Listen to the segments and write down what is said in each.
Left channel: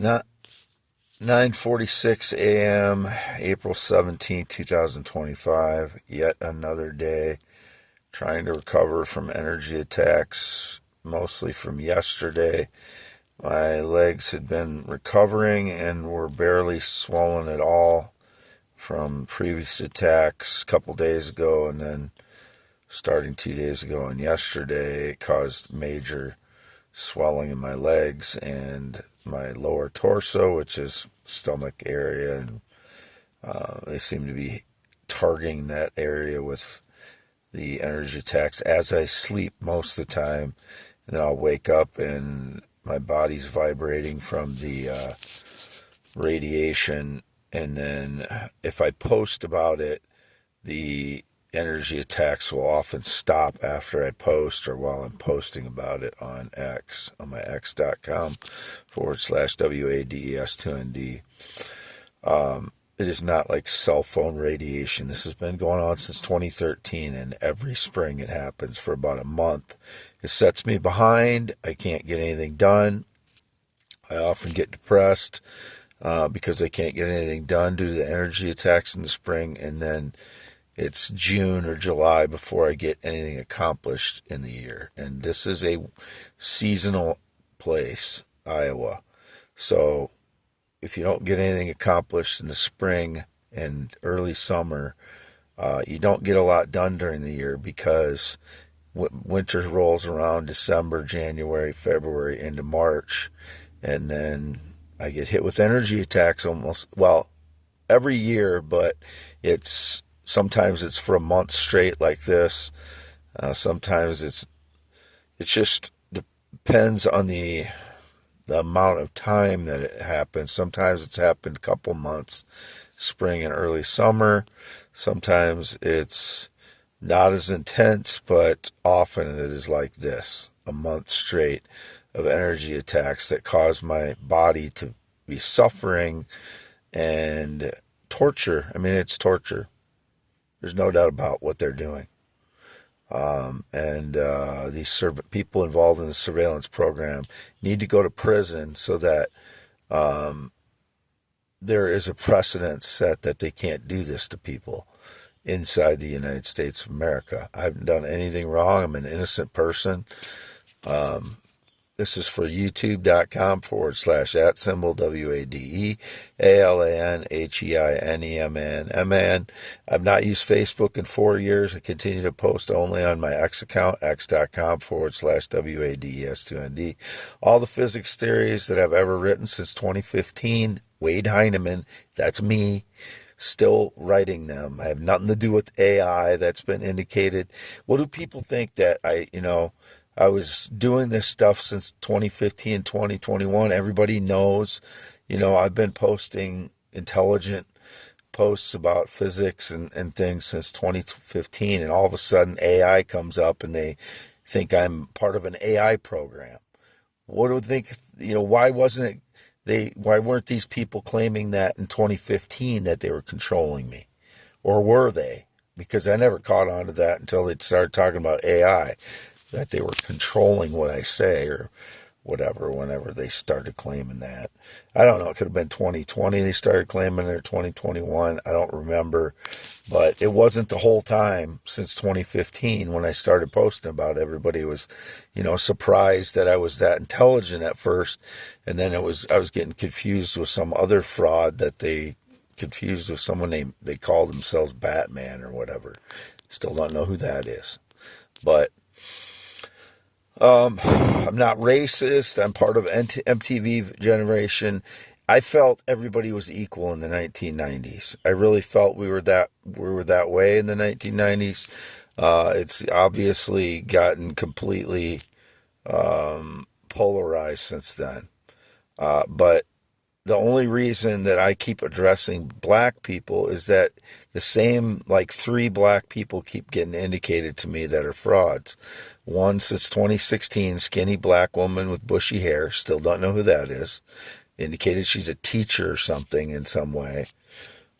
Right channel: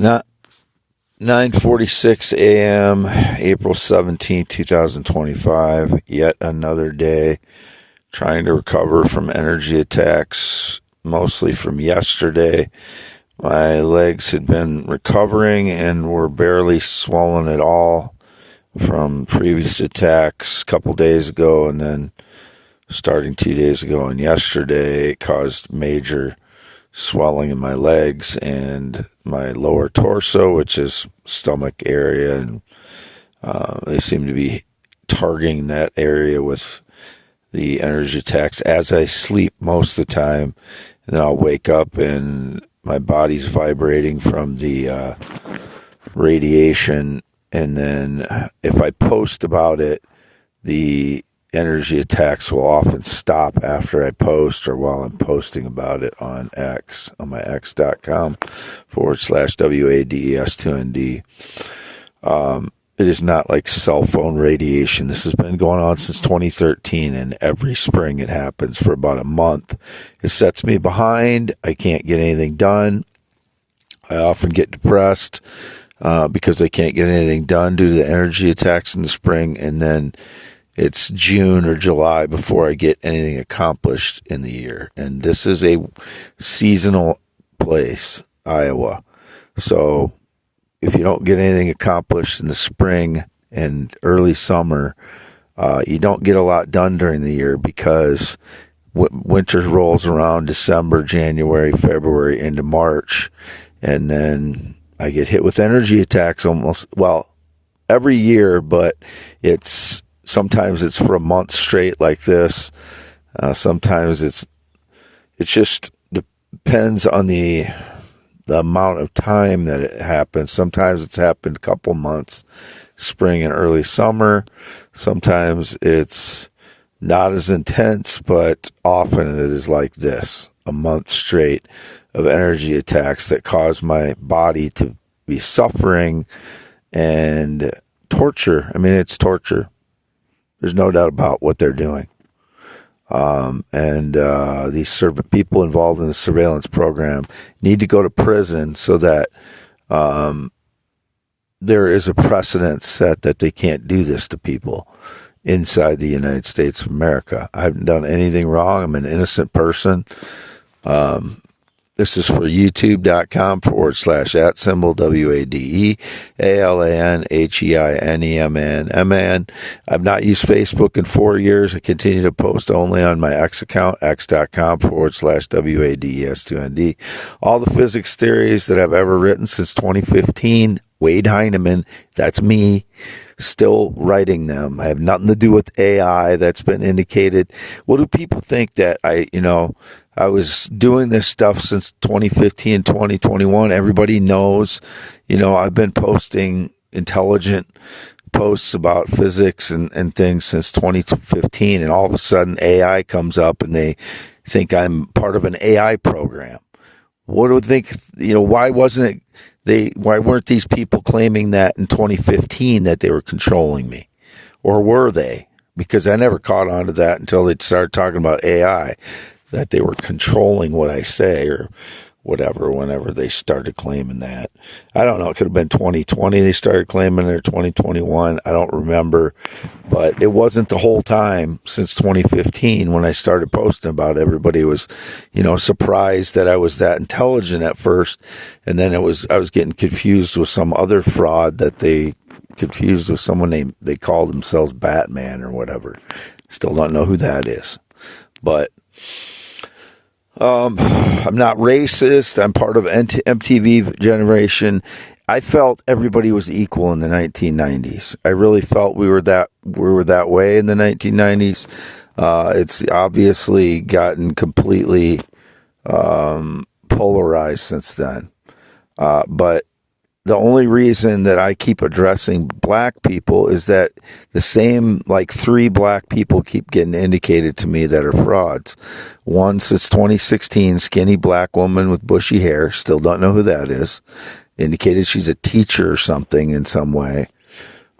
Not 9:46 a.m., April 17th, 2025. Yet another day trying to recover from energy attacks, mostly from yesterday. My legs had been recovering and were barely swollen at all from previous attacks a couple days ago, and then starting 2 days ago and yesterday, it caused major swelling in my legs and my lower torso, which is stomach area, and they seem to be targeting that area with the energy attacks as I sleep most of the time. And then I'll wake up and my body's vibrating from the radiation. And then if I post about it, the energy attacks will often stop after I post or while I'm posting about it on X, on my x.com/WADES2ND. It is not like cell phone radiation. This has been going on since 2013, and every spring it happens for about a month. It sets me behind. I can't get anything done. I often get depressed because I can't get anything done due to the energy attacks in the spring, and then it's June or July before I get anything accomplished in the year. And this is a seasonal place, Iowa. So if you don't get anything accomplished in the spring and early summer, you don't get a lot done during the year because winter rolls around December, January, February into March. And then I get hit with energy attacks almost, well, every year, but sometimes it's for a month straight like this. Sometimes it just depends on the amount of time that it happens. Sometimes it's happened a couple months, spring and early summer. Sometimes it's not as intense, but often it is like this, a month straight of energy attacks that cause my body to be suffering and torture. I mean, it's torture. There's no doubt about what they're doing. These people involved in the surveillance program need to go to prison so that there is a precedent set that they can't do this to people inside the United States of America. I haven't done anything wrong. I'm an innocent person. This is for youtube.com/@WADEALANHEINEMAN. I've not used Facebook in 4 years. I continue to post only on my X account, x.com/WADES2ND. All the physics theories that I've ever written since 2015, Wade Heinemann, that's me, still writing them. I have nothing to do with AI. That's been indicated. What do people think that I was doing this stuff since 2015, 2021. Everybody knows, I've been posting intelligent posts about physics and things since 2015. And all of a sudden AI comes up and they think I'm part of an AI program. What do they think? Why weren't these people claiming that in 2015 that they were controlling me? Or were they? Because I never caught on to that until they started talking about AI. That they were controlling what I say or whatever, whenever they started claiming that. I don't know. It could have been 2020 they started claiming it, or 2021. I don't remember. But it wasn't the whole time since 2015 when I started posting about it. Everybody was, surprised that I was that intelligent at first. And then I was getting confused with some other fraud that they confused with someone they called themselves Batman or whatever. Still don't know who that is. But I'm not racist. I'm part of MTV generation. I felt everybody was equal in the 1990s. I really felt we were that way in the 1990s. It's obviously gotten completely polarized since then. But the only reason that I keep addressing black people is that the same, 3 black people keep getting indicated to me that are frauds. One since 2016, skinny black woman with bushy hair, still don't know who that is, indicated she's a teacher or something in some way.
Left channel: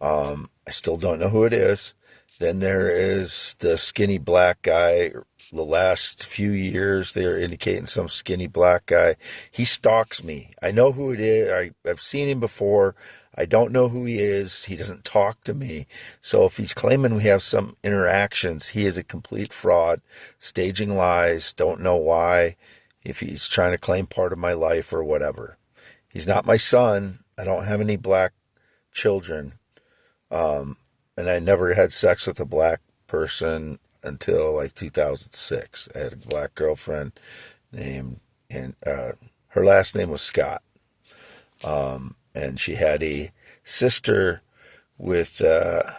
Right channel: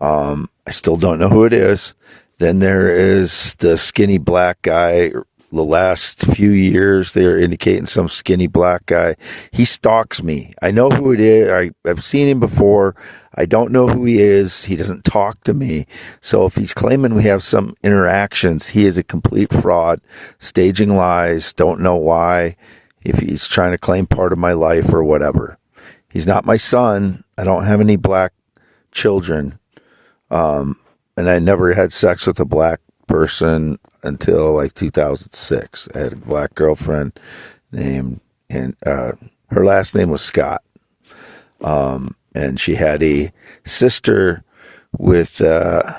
I still don't know who it is. Then there is the skinny black guy the last few years, they're indicating some skinny black guy. He stalks me. I know who it is. I've seen him before. I don't know who he is. He doesn't talk to me. So if he's claiming we have some interactions, he is a complete fraud, staging lies, don't know why, if he's trying to claim part of my life or whatever. He's not my son. I don't have any black children. And I never had sex with a black person until like 2006. I had a black girlfriend named, and her last name was Scott. And she had a sister with a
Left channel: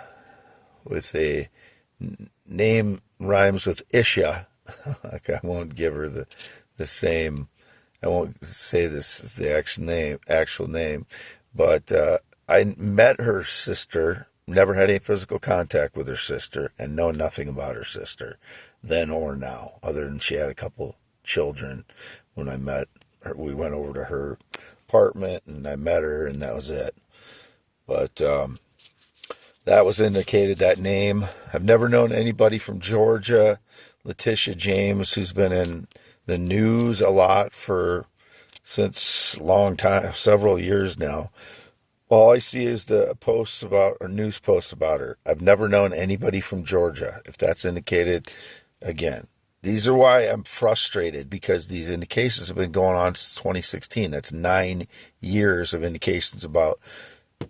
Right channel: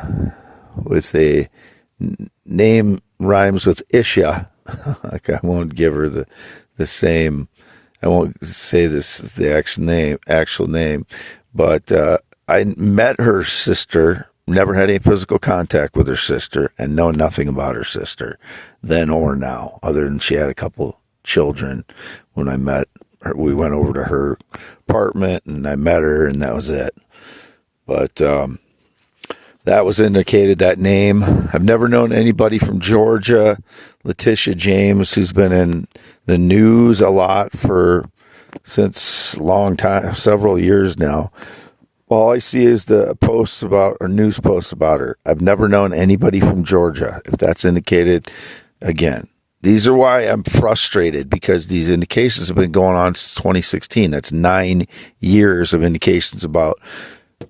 name rhymes with Isha. Like, I won't give her the same. I won't say the actual name, but I met her sister. Never had any physical contact with her sister, and know nothing about her sister then or now, other than she had a couple children when I met her. We went over to her apartment and I met her, and that was it. But that was indicated, that name. I've never known anybody from Georgia. Letitia James, who's been in the news a lot since a long time, several years now. All I see is the posts about, or news posts about her. I've never known anybody from Georgia, if that's indicated. Again, these are why I'm frustrated, because these indications have been going on since 2016. That's 9 years of indications about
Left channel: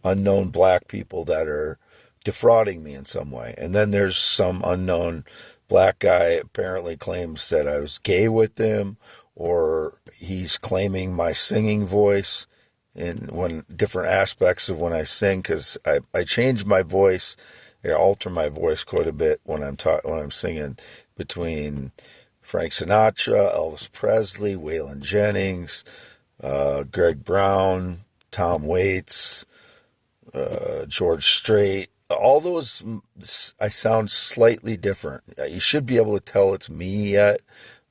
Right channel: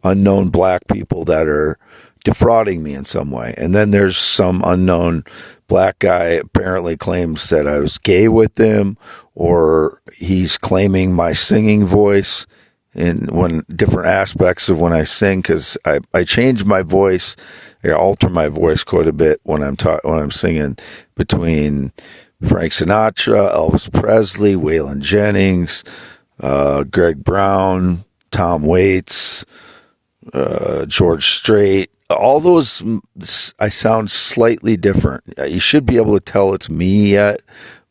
unknown black people that are defrauding me in some way. And then there's some unknown black guy apparently claims that I was gay with him, or he's claiming my singing voice in different aspects of when I sing, because I change my voice, I alter my voice quite a bit when I'm singing, between Frank Sinatra, Elvis Presley, Waylon Jennings, Greg Brown, Tom Waits, George Strait. All those, I sound slightly different. You should be able to tell it's me yet,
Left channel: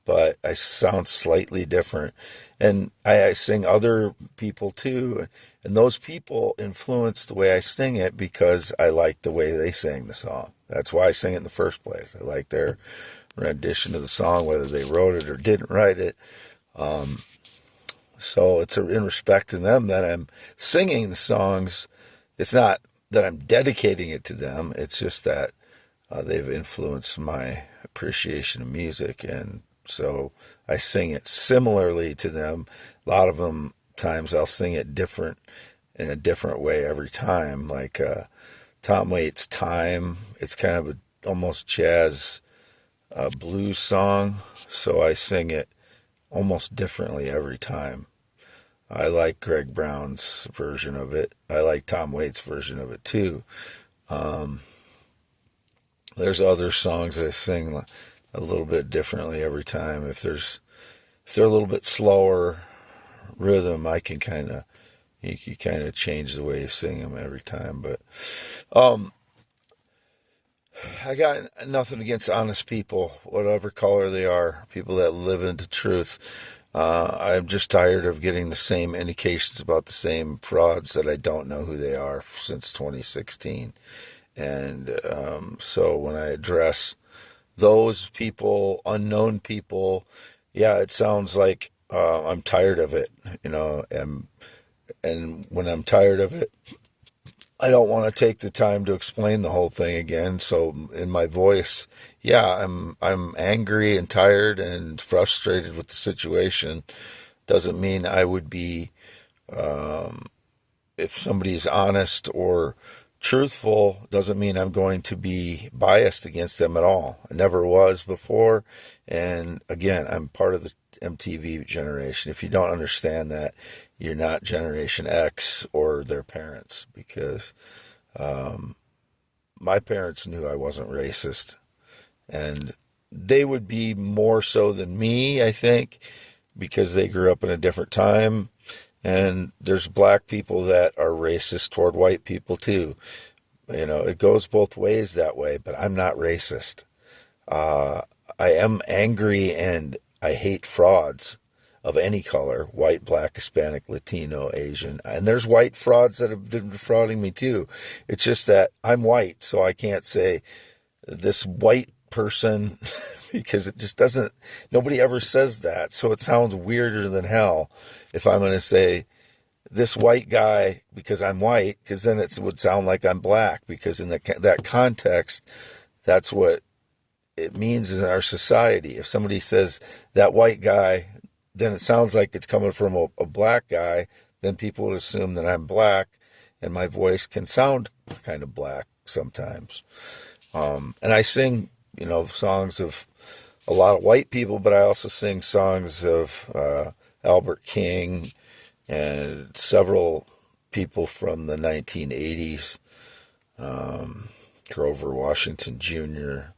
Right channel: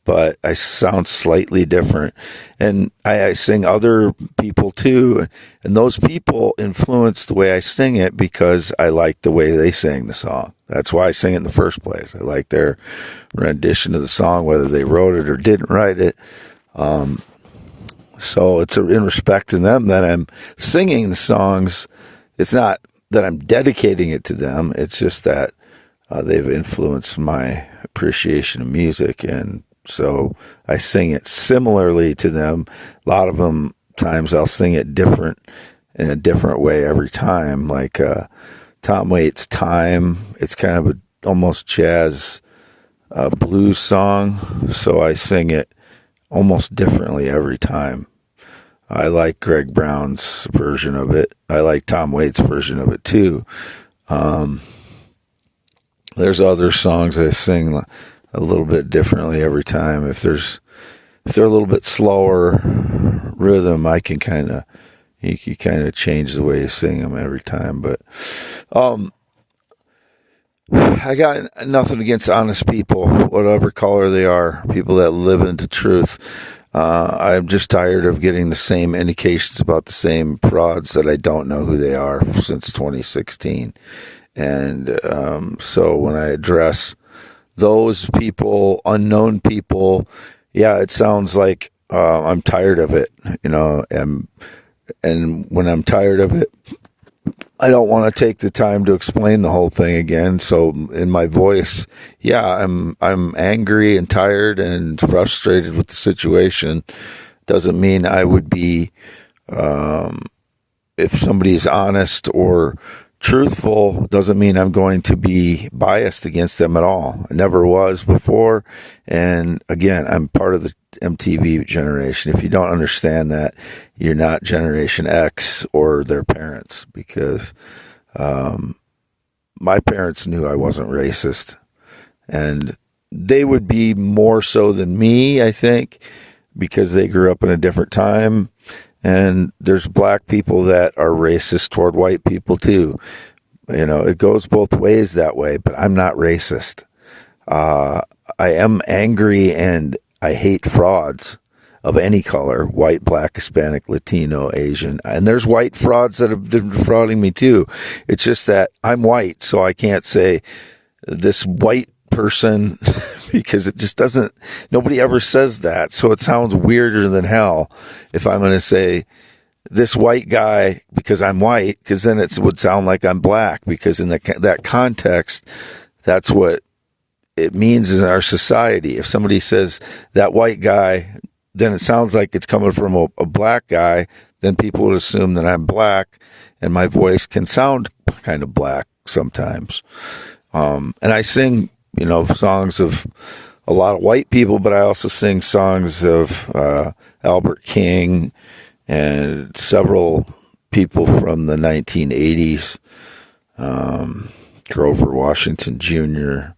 but I sound slightly different. And I sing other people too, and those people influence the way I sing it because I like the way they sing the song. That's why I sing it in the first place. I like their rendition of the song, whether they wrote it or didn't write it. So it's in respect to them that I'm singing the songs. It's not that I'm dedicating it to them. It's just that they've influenced my appreciation of music, and so I sing it similarly to them. A lot of them times I'll sing it in a different way every time. Like Tom Waits' "Time," it's kind of almost jazz blues song, so I sing it almost differently every time. I like Greg Brown's version of it. I like Tom Waits' version of it too. There's other songs I sing a little bit differently every time. If they're a little bit slower rhythm, I can you kind of change the way you sing them every time. But I got nothing against honest people, whatever color they are, people that live into truth. I'm just tired of getting the same indications about the same frauds that I don't know who they are since 2016. And so when I address those people, unknown people, yeah, it sounds like I'm tired of it, and when I'm tired of it, I don't want to take the time to explain the whole thing again. So in my voice, yeah, I'm angry and tired and frustrated with the situation. Doesn't mean I would be, if somebody is honest or truthful, doesn't mean I'm going to be biased against them at all. I never was before. And again, I'm part of the MTV generation. If you don't understand that, you're not Generation X or their parents, because my parents knew I wasn't racist, and they would be more so than me, I think, because they grew up in a different time. And there's black people that are racist toward white people too. It goes both ways that way, but I'm not racist. I am angry and I hate frauds of any color: white, black, Hispanic, Latino, Asian. And there's white frauds that have been defrauding me too. It's just that I'm white, so I can't say this white person because it just doesn't, nobody ever says that. So it sounds weirder than hell if I'm going to say this white guy because I'm white, because then it would sound like I'm black, because in that context, that's what it means in our society. If somebody says that white guy, then it sounds like it's coming from a black guy, then people would assume that I'm black, and my voice can sound kind of black sometimes. And I sing, songs of a lot of white people, but I also sing songs of Albert King and several people from the 1980s, Grover Washington Jr.,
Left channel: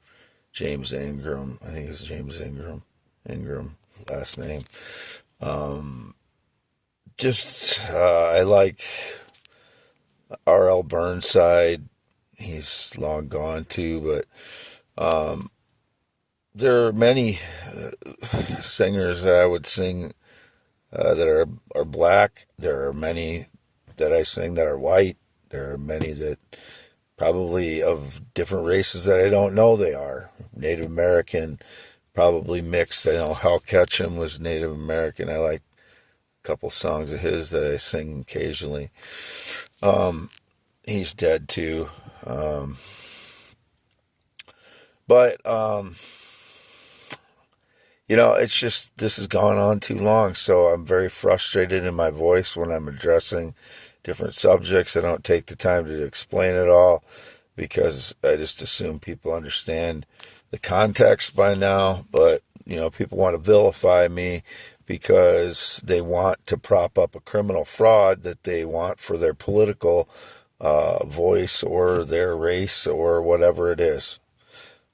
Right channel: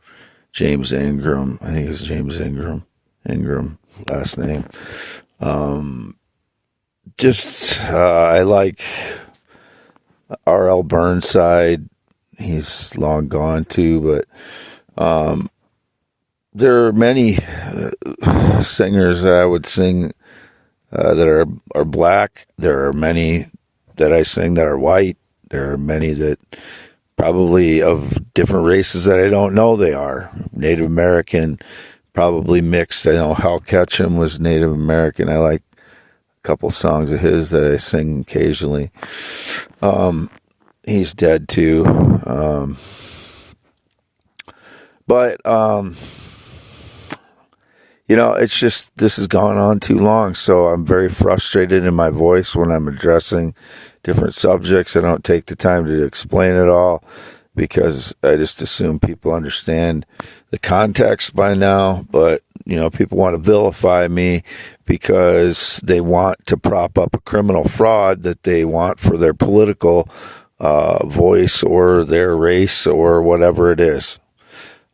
James Ingram, I think it's James Ingram, last name. I like R.L. Burnside. He's long gone too, but there are many singers that I would sing that are black. There are many that I sing that are white. There are many that probably of different races that I don't know they are. Native American, probably mixed. I know Hal Ketchum was Native American. I like a couple songs of his that I sing occasionally. He's dead too. It's just, this has gone on too long. So I'm very frustrated in my voice when I'm addressing different subjects. I don't take the time to explain it all because I just assume people understand the context by now. But, people want to vilify me because they want to prop up a criminal fraud that they want for their political voice or their race or whatever it is.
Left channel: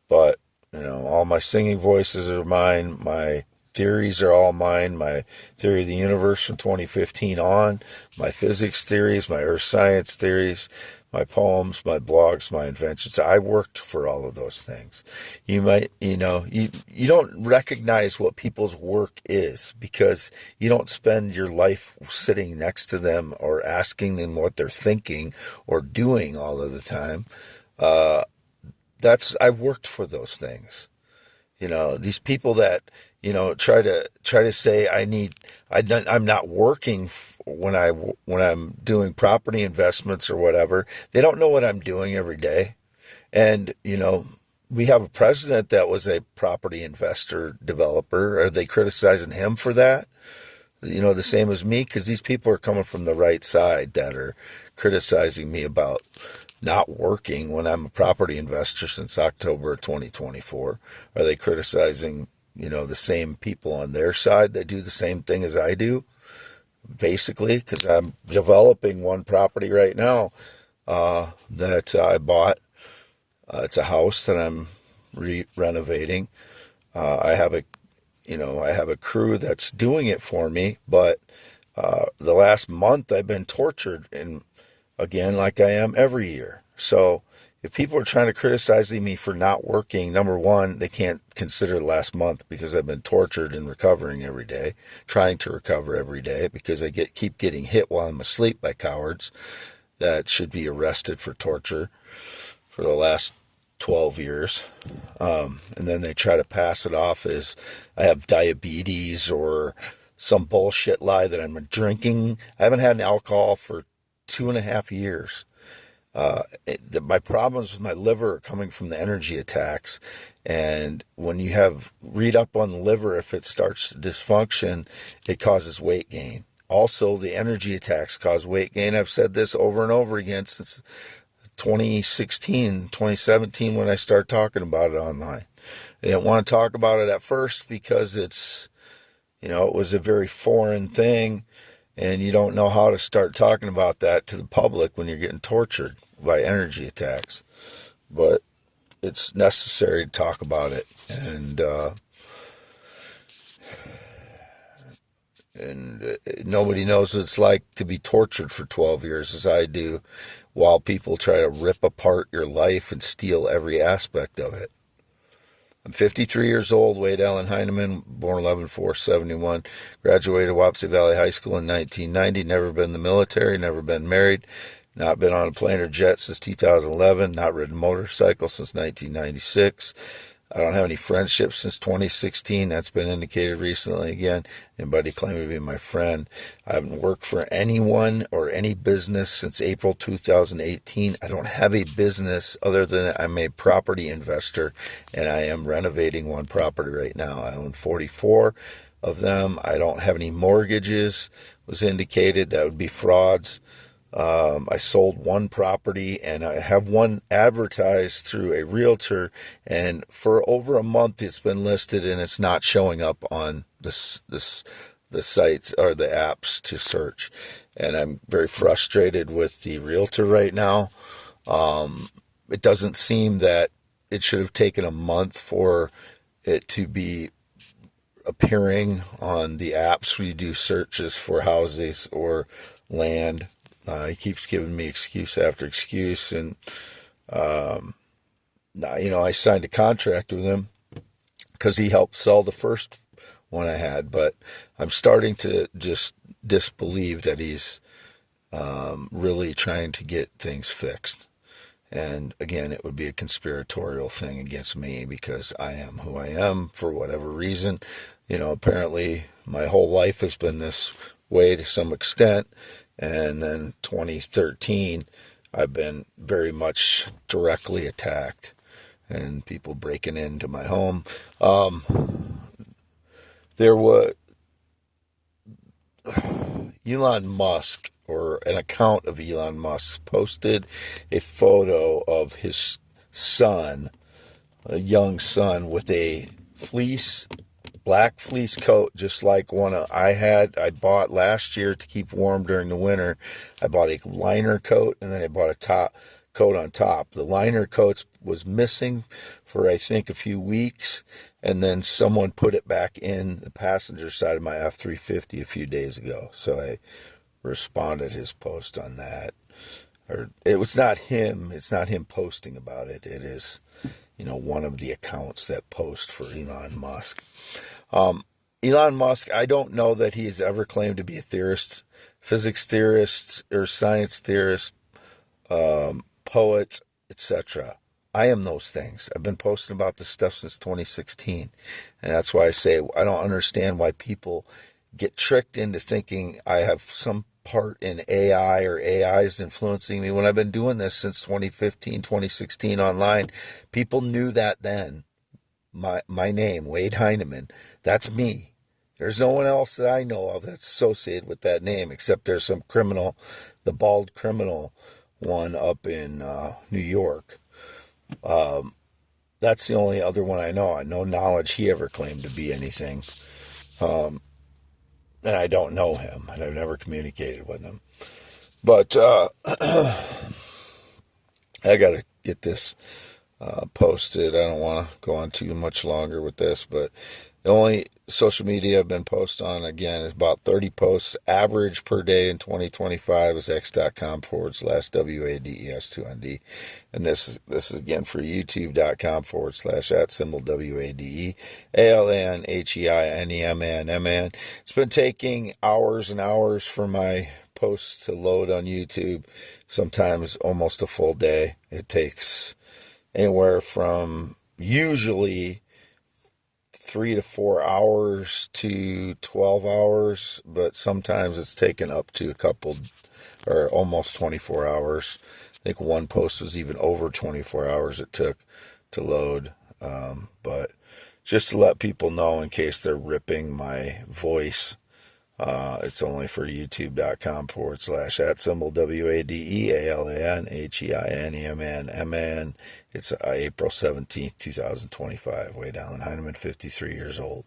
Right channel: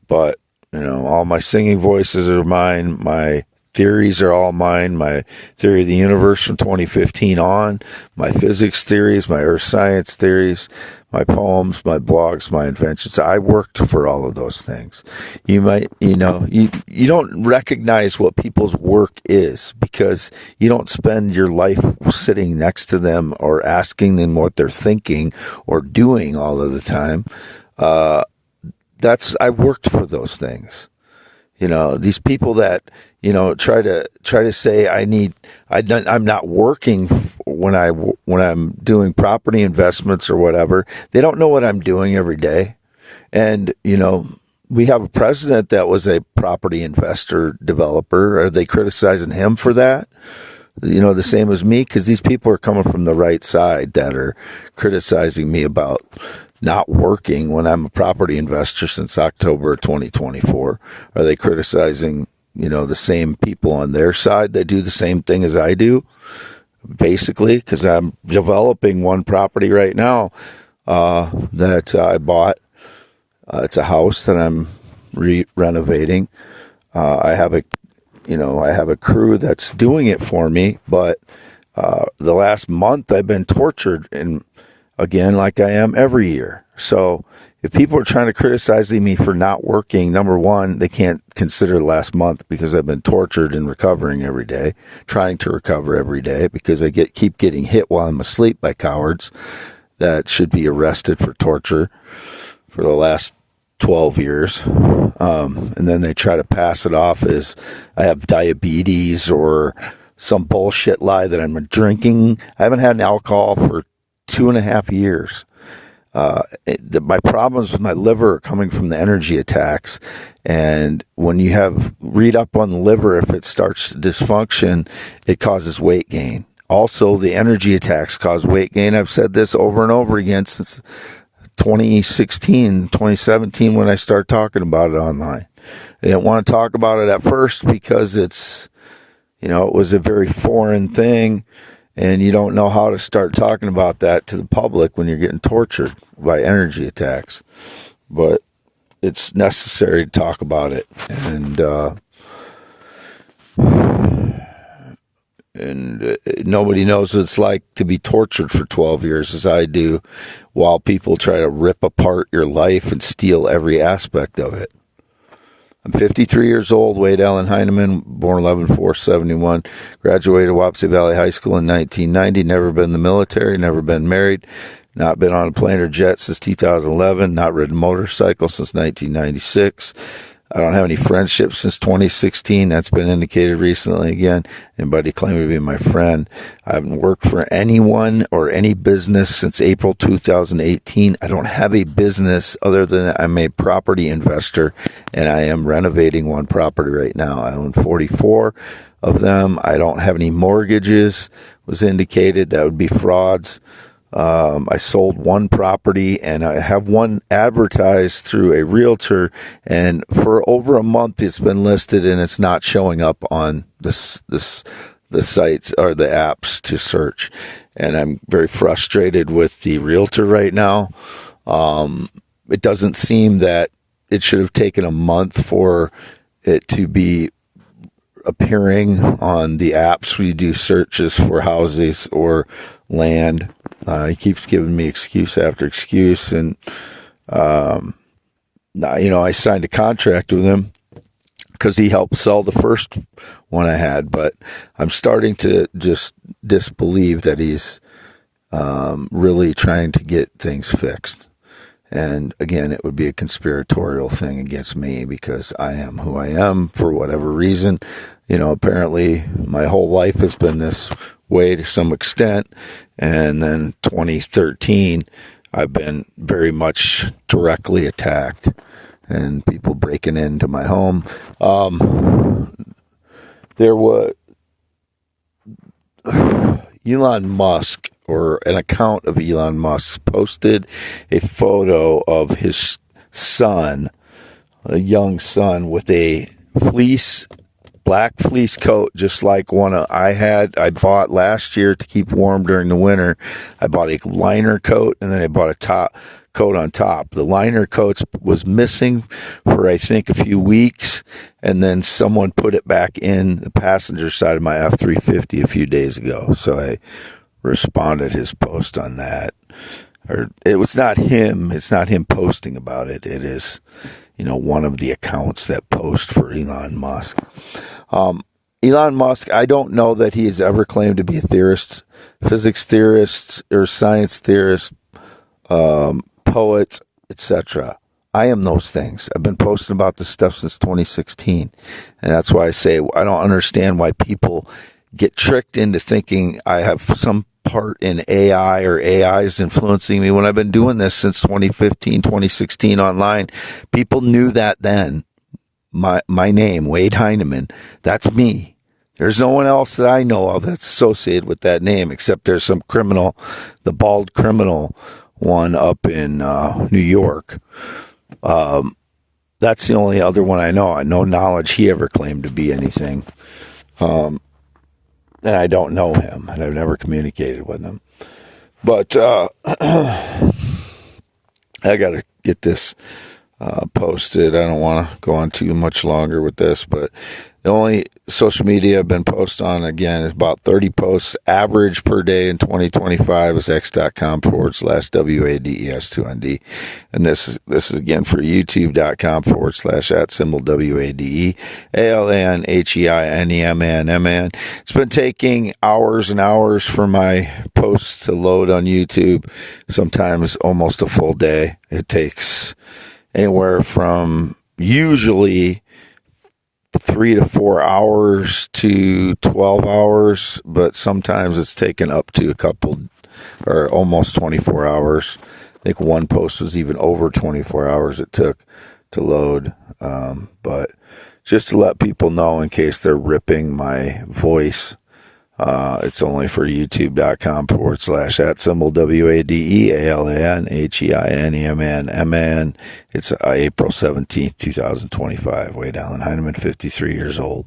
But, all my singing voices are mine. My theories are all mine. My theory of the universe from 2015 on, my physics theories, my earth science theories, my poems, my blogs, my inventions. I worked for all of those things. You might, you don't recognize what people's work is because you don't spend your life sitting next to them or asking them what they're thinking or doing all of the time. I worked for those things. These people that, try to say I'm not working when I'm doing property investments or whatever. They don't know what I'm doing every day. And, we have a president that was a property investor developer. Are they criticizing him for that? The same as me, because these people are coming from the right side that are criticizing me about not working when I'm a property investor since October 2024. Are they criticizing, the same people on their side that do the same thing as I do? Basically, because I'm developing one property right now that I bought. It's a house that I'm renovating. I have a crew that's doing it for me, but the last month I've been tortured, and again, like I am every year. So if people are trying to criticize me for not working, number one, they can't consider last month because I've been tortured and recovering every day, trying to recover every day because I keep getting hit while I'm asleep by cowards that should be arrested for torture for the last 12 years. And then they try to pass it off as I have diabetes or some bullshit lie that I'm drinking. I haven't had an alcohol for 2.5 years. My problems with my liver are coming from the energy attacks. And when you read up on the liver, if it starts dysfunction, it causes weight gain. Also, the energy attacks cause weight gain. I've said this over and over again since 2016, 2017, when I started talking about it online. I didn't want to talk about it at first because it was a very foreign thing. And you don't know how to start talking about that to the public when you're getting tortured by energy attacks. But it's necessary to talk about it. And nobody knows what it's like to be tortured for 12 years as I do, while people try to rip apart your life and steal every aspect of it. I'm 53 years old, Wade Allen Heineman, born 11/4/71, graduated Wapsie Valley High School in 1990, never been in the military, never been married, not been on a plane or jet since 2011, not ridden a motorcycle since 1996. I don't have any friendships since 2016. That's been indicated recently again. Anybody claiming to be my friend. I haven't worked for anyone or any business since April 2018. I don't have a business other than I'm a property investor, and I am renovating one property right now. I own 44 of them. I don't have any mortgages, was indicated. That would be frauds. I sold one property, and I have one advertised through a realtor, and for over a month it's been listed, and it's not showing up on the sites or the apps to search. And I'm very frustrated with the realtor right now. It doesn't seem that it should have taken a month for it to be appearing on the apps where you do searches for houses or land. He keeps giving me excuse after excuse, and I signed a contract with him because he helped sell the first one I had, but I'm starting to just disbelieve that he's really trying to get things fixed. And again, it would be a conspiratorial thing against me because I am who I am for whatever reason. Apparently my whole life has been this way to some extent. And then 2013, I've been very much directly attacked and people breaking into my home. There was Elon Musk, or an account of Elon Musk, posted a photo of his son, a young son, with a black fleece coat, just like one I bought last year to keep warm during the winter. I bought a liner coat, and then I bought a top coat on top. The liner coat was missing for, I think, a few weeks, and then someone put it back in the passenger side of my F-350 a few days ago. So I responded his post on that. Or it was not him. It's not him posting about it. It is, one of the accounts that post for Elon Musk. Elon Musk, I don't know that he has ever claimed to be a theorist, physics theorist, or science theorist, poet, etc. I am those things. I've been posting about this stuff since 2016. And that's why I say I don't understand why people get tricked into thinking I have some part in AI or AI is influencing me when I've been doing this since 2015, 2016 online. People knew that then. My name, Wade Heinemann, that's me. There's no one else that I know of that's associated with that name, except there's some criminal, the bald criminal one up in New York. That's the only other one I know. I no knowledge he ever claimed to be anything. And I don't know him, and I've never communicated with him. But I got to get this posted. I don't want to go on too much longer with this, but the only social media I've been posted on, again, is about 30 posts average per day in 2025 is x.com/WADES2ND. And this is again for youtube.com/@WADE ALANHEINEMAN. It's been taking hours and hours for my posts to load on YouTube, sometimes almost a full day. It takes anywhere from usually 3 to 4 hours to 12 hours, but sometimes it's taken up to a couple or almost 24 hours. I think one post was even over 24 hours it took to load. But just to let people know in case they're ripping my voice, it's only for youtube.com/@WADEALANHEINEMAN. It's April 17th, 2025. Wade Allen Heinemann, 53 years old.